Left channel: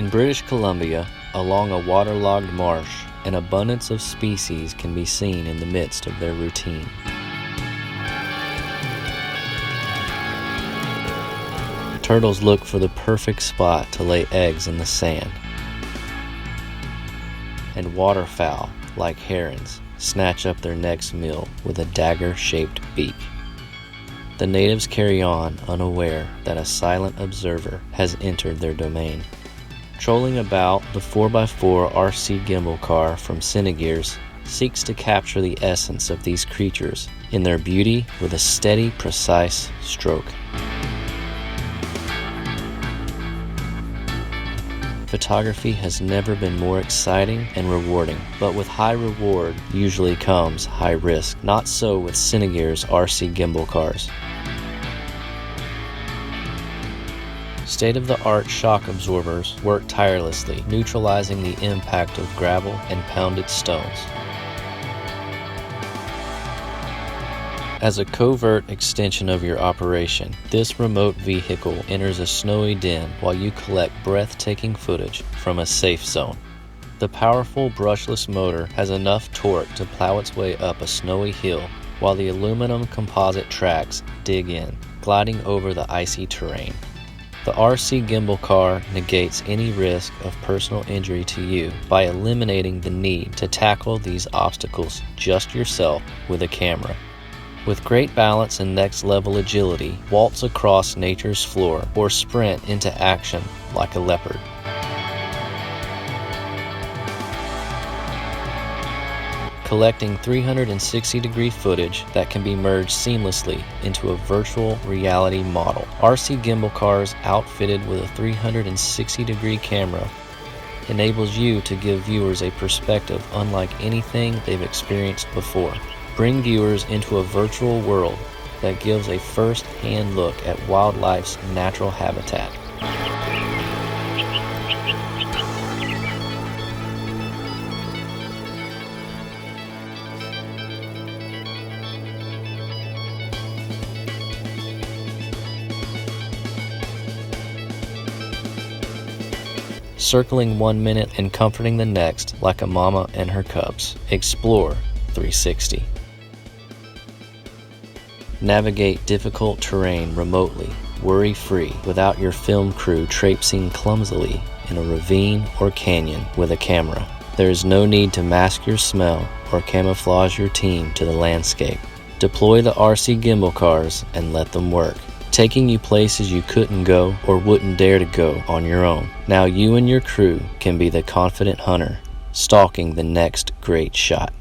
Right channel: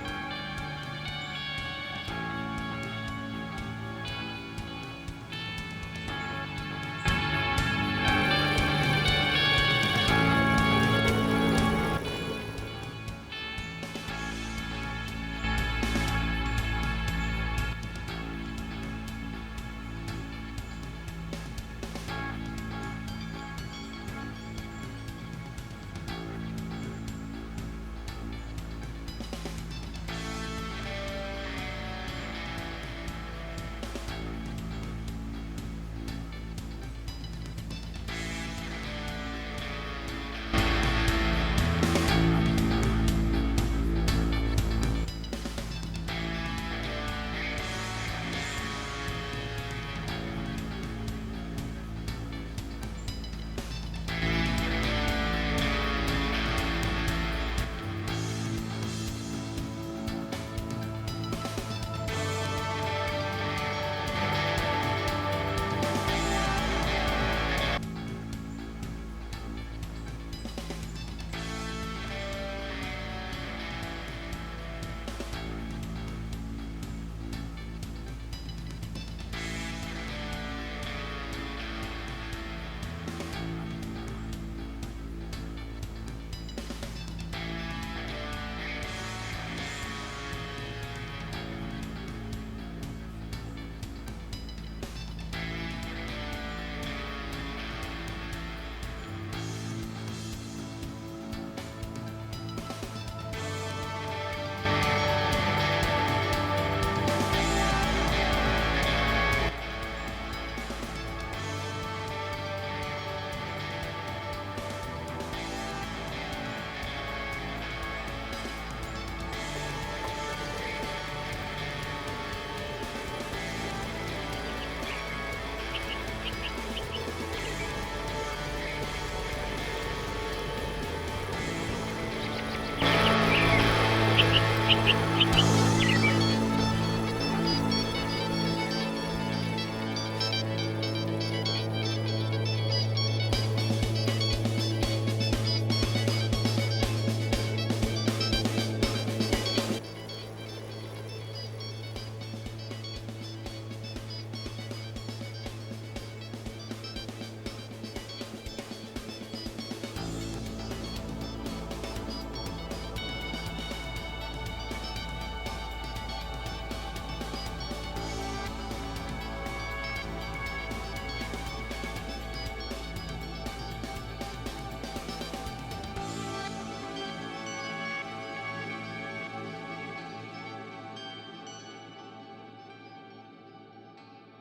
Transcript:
In British Columbia, along a waterlogged marsh, an abundance of species can be seen in the midst of their routine. Turtles look for the perfect spot to lay eggs in the sand. And waterfowl, like herons, snatch up their next meal with a dagger-shaped beak. The natives carry on, unaware that a silent observer has entered their domain. Trolling about, the 4x4 RC gimbal car from Cinegears seeks to capture the essence of these creatures in their beauty with a steady, precise stroke. Photography has never been more exciting and rewarding, but with high reward usually comes high risk. Not so with Cinegears RC gimbal cars. State-of-the-art shock absorbers work tirelessly, neutralizing the impact of gravel and pounded stones. As a covert extension of your operation, this remote vehicle enters a snowy den while you collect breathtaking footage from a safe zone. The powerful brushless motor has enough torque to plow its way up a snowy hill, while the aluminum composite tracks dig in, gliding over the icy terrain. The RC gimbal car negates any risk of personal injury to you by eliminating the need to tackle these obstacles just yourself with a camera. With great balance and next-level agility, waltz across nature's floor or sprint into action like a leopard. Collecting 360-degree footage that can be merged seamlessly into a virtual reality model. RC gimbal cars outfitted with a 360-degree camera enables you to give viewers a perspective unlike anything they've experienced before. Bring viewers into a virtual world that gives a first-hand look at wildlife's natural habitat. Circling 1 minute and comforting the next like a mama and her cubs. Explore 360. Navigate difficult terrain remotely, worry-free, without your film crew traipsing clumsily in a ravine or canyon with a camera. There is no need to mask your smell or camouflage your team to the landscape. Deploy the RC gimbal cars and let them work, taking you places you couldn't go or wouldn't dare to go on your own. Now you and your crew can be the confident hunter, stalking the next great shot.